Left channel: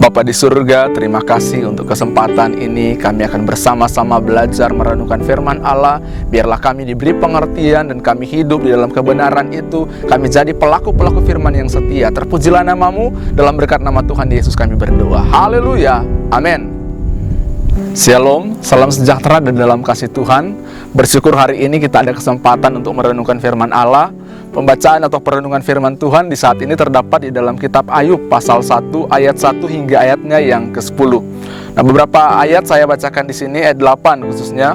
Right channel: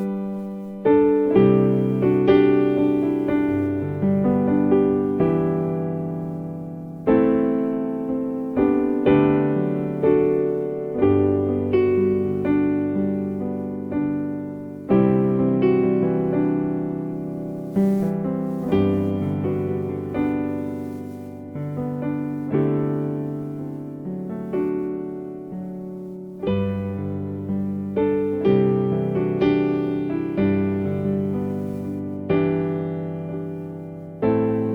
Bapa di surga, terima kasih untuk kesempatan ini. Kami akan bersama-sama belajar merenungkan firman Allah. Biarlah kami diberi pengertian dan kami hidup di dalam kebenaran itu. Kami jadi pelaku-pelaku firman yang setia. Terpujilah namamu, dalam berkat nama Tuhan Yesus kami berdoa. Haleluya, amin. Shalom, salam sejahtera dan dalam kasih Tuhan. Bersyukur hari ini kita ada kesempatan untuk merenungkan firman Allah. Pembacaan atau perenungan firman Tuhan di saat ini terdapat di dalam kitab Ayub pasal 1 ayat 1 hingga ayatnya yang ke-10. Nah, beberapa ayat saya bacakan di sini, ayat 8 khususnya.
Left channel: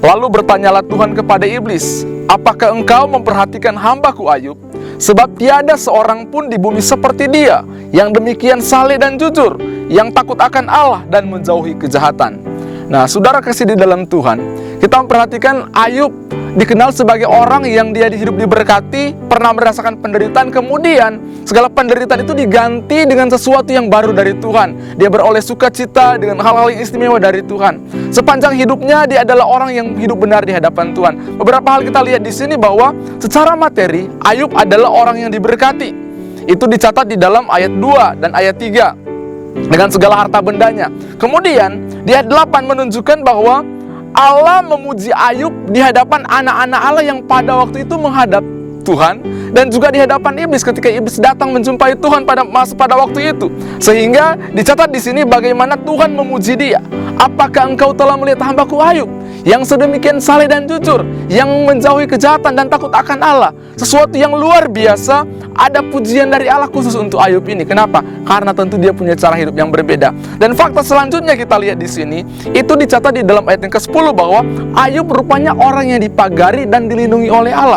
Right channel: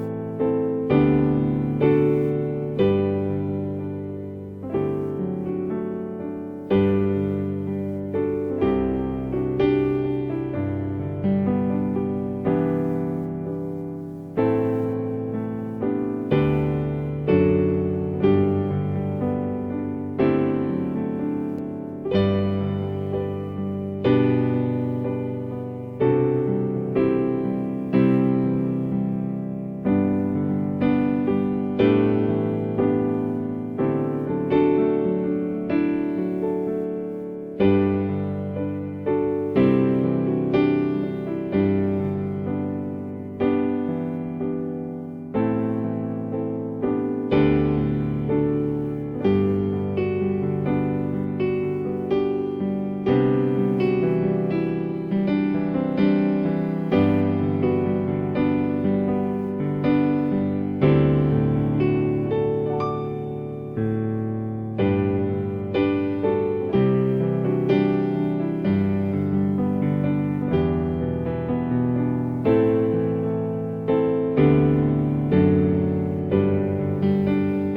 Lalu bertanyalah Tuhan kepada iblis, apakah engkau memperhatikan hambaku Ayub? Sebab tiada seorang pun di bumi seperti dia, yang demikian saleh dan jujur, yang takut akan Allah dan menjauhi kejahatan. Nah, saudara kasih di dalam Tuhan, kita memperhatikan Ayub dikenal sebagai orang yang dia hidup diberkati, pernah merasakan penderitaan, kemudian segala penderitaan itu diganti dengan sesuatu yang baru dari Tuhan. Dia beroleh sukacita dengan hal-hal yang istimewa dari Tuhan. Sepanjang hidupnya dia adalah orang yang hidup benar di hadapan Tuhan. Beberapa hal kita lihat di sini bahwa secara materi Ayub adalah orang yang diberkati. Itu dicatat di dalam ayat 2 dan ayat 3 dengan segala harta bendanya. Kemudian di ayat 8 menunjukkan bahwa Allah memuji Ayub di hadapan anak-anak Allah yang pada waktu itu menghadap Tuhan, dan juga di hadapan iblis ketika iblis datang menjumpai Tuhan pada waktu itu. Sehingga dicatat di sini bagaimana Tuhan memuji dia. Apakah engkau telah melihat hambaku Ayub yang sedemikian saleh dan jujur, yang menjauhi kejahatan dan takut akan Allah? Sesuatu yang luar biasa. Ada pujian dari Allah khusus untuk Ayub ini. Kenapa? Karena tentu dia punya cara hidup yang berbeda. Dan fakta selanjutnya kita lihat di sini, itu dicatat di dalam ayat yang ke-10 bahwa Ayub rupanya orang yang dipagari dan dilindungi oleh Allah.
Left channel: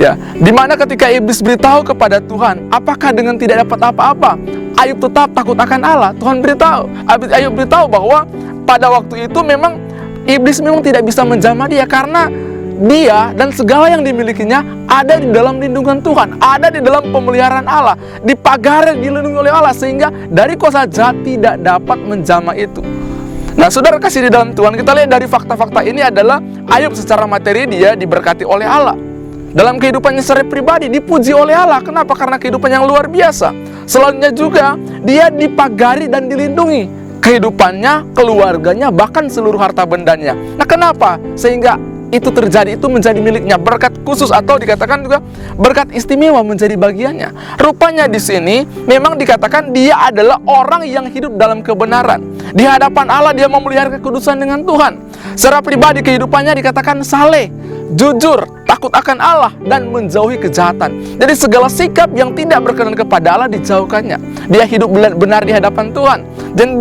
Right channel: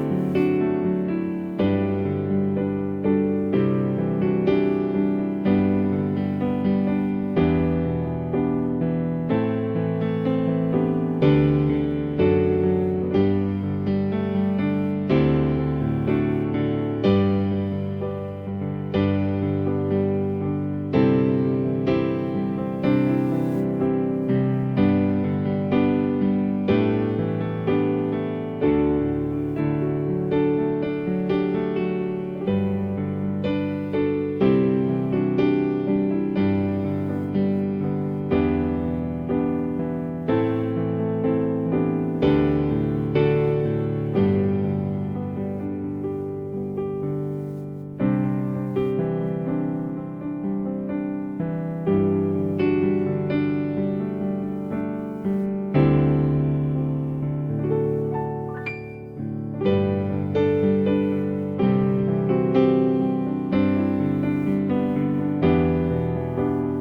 Ya, dimana ketika iblis beritahu kepada Tuhan, apakah dengan tidak dapat apa-apa Ayub tetap takut akan Allah? Tuhan beritahu, Ayub beritahu bahwa pada waktu itu memang iblis memang tidak bisa menjamah dia, karena dia dan segala yang dimilikinya ada di dalam lindungan Tuhan, ada di dalam pemeliharaan Allah, dipagari, dilindungi oleh Allah, sehingga dari kuasa jahat tidak dapat menjamah itu. Nah, saudara kasih di dalam Tuhan, kita lihat dari fakta-fakta ini adalah Ayub secara materi dia diberkati oleh Allah. Dalam kehidupannya secara pribadi dipuji oleh Allah. Kenapa? Karena kehidupan yang luar biasa. Selanjutnya juga dia dipagari dan dilindungi. Kehidupannya, keluarganya, bahkan seluruh harta bendanya. Nah, kenapa? Sehingga itu terjadi, itu menjadi miliknya, berkat khusus atau dikatakan juga berkat istimewa menjadi bagiannya. Rupanya di sini memang dikatakan dia adalah orang yang hidup dalam kebenaran. Di hadapan Allah dia memelihara kekudusan dengan Tuhan. Secara pribadi kehidupannya dikatakan saleh, jujur, takut akan Allah dan menjauhi kejahatan. Jadi segala sikap yang tidak berkenan kepada Allah dijauhkannya. Dia hidup benar di hadapan Tuhan.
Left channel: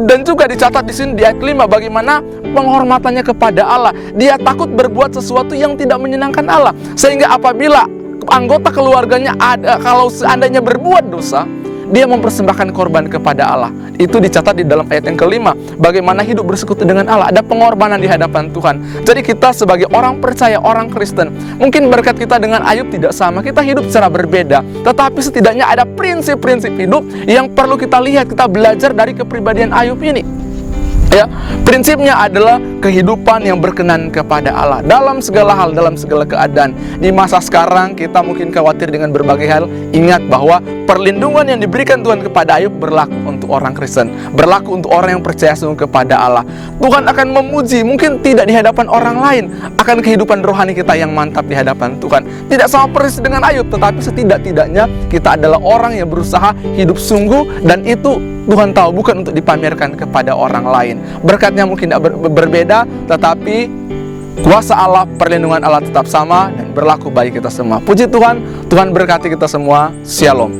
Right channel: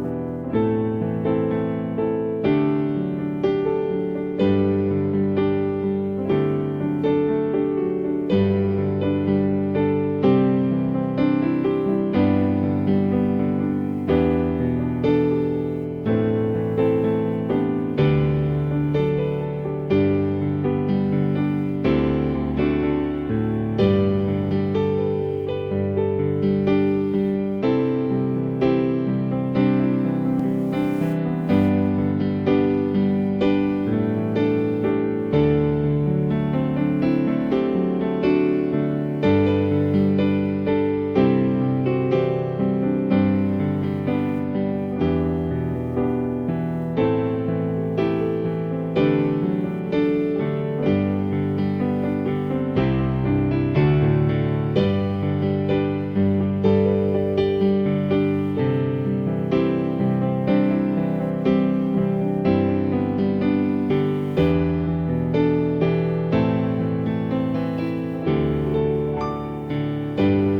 Dan juga dicatat di sini di ayat 5 bagaimana penghormatannya kepada Allah. Dia takut berbuat sesuatu yang tidak menyenangkan Allah. Sehingga apabila anggota keluarganya kalau seandainya berbuat dosa, dia mempersembahkan korban kepada Allah. Itu dicatat di dalam ayat yang ke-5. Bagaimana hidup bersekutu dengan Allah. Ada pengorbanan di hadapan Tuhan. Jadi kita sebagai orang percaya, orang Kristen, mungkin berkat kita dengan Ayub tidak sama. Kita hidup secara berbeda. Tetapi setidaknya ada prinsip-prinsip hidup yang perlu kita lihat, kita belajar dari kepribadian Ayub ini. Ya, prinsipnya adalah kehidupan yang berkenan kepada Allah dalam segala hal, dalam segala keadaan. Di masa sekarang kita mungkin khawatir dengan berbagai hal. Ingat bahwa perlindungan yang diberikan Tuhan kepada Ayub berlaku untuk orang Kristen, berlaku untuk orang yang percaya sungguh kepada Allah. Tuhan akan memuji, mungkin tidak di hadapan orang lain, akan kehidupan rohani kita yang mantap di hadapan Tuhan. Tidak sama persis dengan Ayub, tetapi setidak-tidaknya kita adalah orang yang berusaha hidup sungguh, dan itu Tuhan tahu bukan untuk dipamerkan kepada orang lain. Berkatnya mungkin tidak berbeda, tetapi kuasa Allah, perlindungan Allah tetap sama dan berlaku bagi kita semua. Puji Tuhan, Tuhan berkati kita semua. Shalom.